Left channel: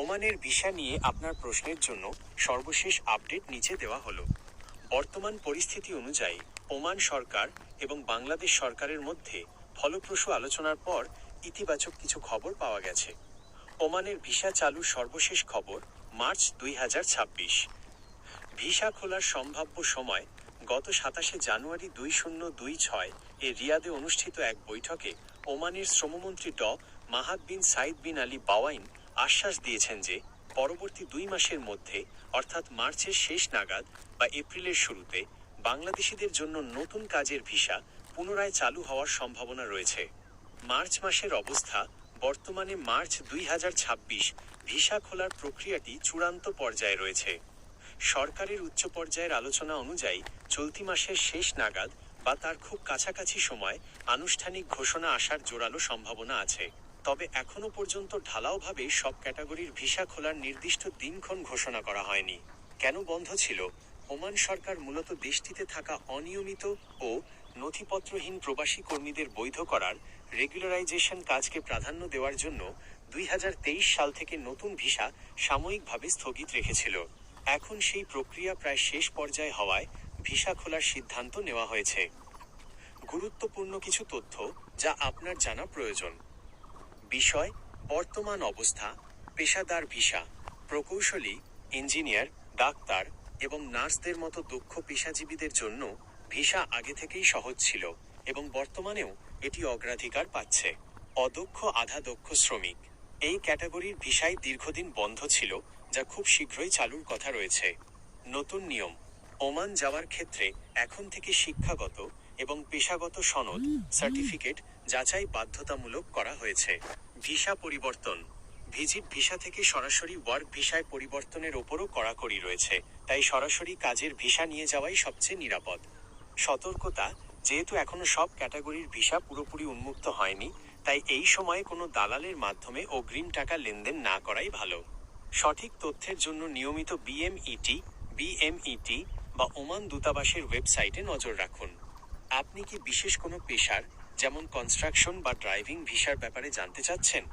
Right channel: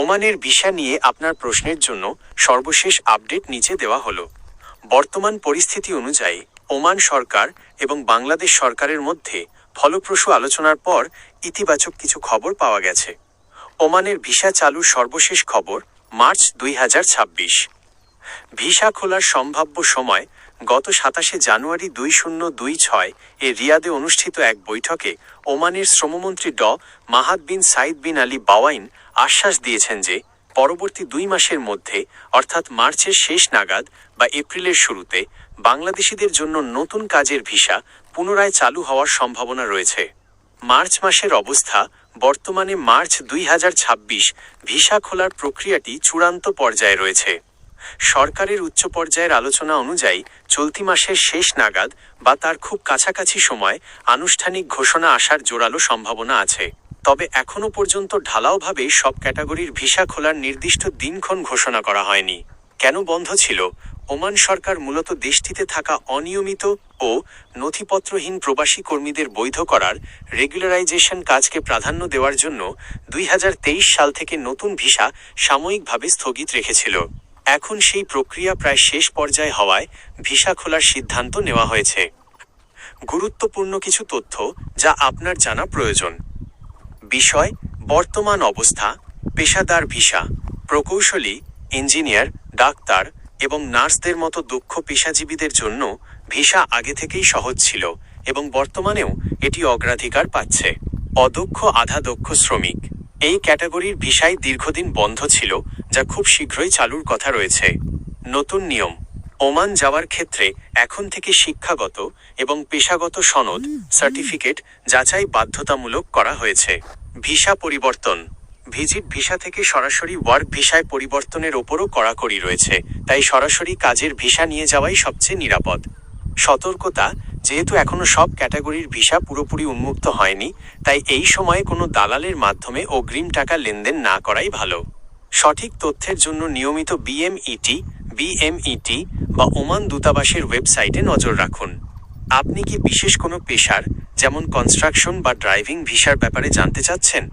ওমানের ভিসা নিয়ে আপনার প্রশ্নের জন্য সর্বশেষ আপডেট নিচে দেওয়া হলো। বর্তমান পরিস্থিতি অনুযায়ী ওমান সরকার এবং বাংলাদেশ সরকারের মধ্যে ফলপ্রসূ আলোচনার পর ইতিবাচক কিছু খবর পাওয়া গেছে। ওমানের ভিসা চালুর সর্বশেষ খবর মার্চ 2026। ভিসা খোলার সম্ভাব্য সময় গত 27 জানুয়ারি 2026 এ রিয়াদে অনুষ্ঠিত এক বৈঠকে ওমানের শ্রমমন্ত্রী মাহাদ বিন সাইদ বিন আলী বাওয়াইন আশ্বাস দিয়েছেন যে পরবর্তী 2 মাসের মধ্যে অর্থাৎ মার্চের শেষ নাগাদ বা এপ্রিলের শুরুতে বাংলাদেশিদের জন্য নতুন কাজের ভিসা পুনরায় চালু হওয়ার সম্ভাবনা রয়েছে। মার্চ মাসের অবস্থা বর্তমানে মার্চ 2026 ভিসা খোলার প্রক্রিয়াটি চূড়ান্ত পর্যায়ে রয়েছে। সরকারের উচ্চ পর্যায়ের আলোচনা অনুযায়ী চলতি মাসের শেষ নাগাদ বা তার খুব কাছাকাছি সময় আনুষ্ঠানিক ঘোষণা আসার জোরালো সম্ভাবনা আছে। তবে এখনও পর্যন্ত ঢালাওভাবে সব ক্যাটাগরির ভিসা খোলার নির্দিষ্ট দিনক্ষণ ঘোষণা করা হয়নি। কেন বন্ধ ছিল? ওমান সরকার মূলত দেশটিতে থাকা অনিয়মিত ও নথিপত্রহীন প্রবাসী কর্মীদের বৈধ করার রেগুলারাইজেশন কাজকে প্রাধান্য দেওয়ার জন্য 2023 সাল থেকে নতুন ভিসা সাময়িকভাবে স্থগিত রেখেছিল। এখন সেই প্রক্রিয়া প্রায় শেষ পর্যায়ে হওয়ায় ভিসা খোলার সিদ্ধান্ত নেওয়া হয়েছে। গুরুত্বপূর্ণ কিছু তথ্য যা আপনার জানা প্রয়োজন। বিষয়: বর্তমান অবস্থা। পেশাদার ভিসা, প্রকৌশলী, ইঞ্জিনিয়ার, ডাক্তার এবং নার্সদের মতো দক্ষ পেশাজীবীদের জন্য ভিসা আগে থেকেই সহজ ছিল এবং বর্তমানেও এটি অগ্রাধিকার পাচ্ছে। অদক্ষ আধা দক্ষ শ্রমিক, এই ক্যাটাগরির ভিসাই দীর্ঘদিন বন্ধ ছিল, যা খুব শীঘ্রই চালুর কথা রয়েছে। নতুন নিয়ম: ওমান যাওয়ার ক্ষেত্রে এখন থেকে শিক্ষাগত এবং পেশাগত সনদ সার্টিফিকেট যাচাই বাধ্যতামূলক করা হয়েছে। ভিসা পরিবর্তন: ভিজিট ভিসা থেকে সরাসরি ওয়ার্ক ভিসায় পরিবর্তনের ওপরও কড়াকড়ি রয়েছে, তাই সরাসরি কাজের ভিসা নিয়ে যাওয়াই সবচেয়ে নিরাপদ। সতর্কতা: যেহেতু এখনও সব ক্যাটাগরির ভিসা পুরোপুরি উন্মুক্ত হয়নি, তাই এই সময়ে কোনো দালালের মাধ্যমে অগ্রিম টাকা লেনদেন না করাই ভালো। সঠিক তথ্যের জন্য নিয়মিত বিএমইটি বা ওমান দূতাবাসের ওয়েবসাইটে নজর রাখুন। আপনি কি বিশেষ কোনো পেশার, যেমন কনস্ট্রাকশন বা ড্রাইভিং ভিসার ব্যাপারে জানতে চাচ্ছেন?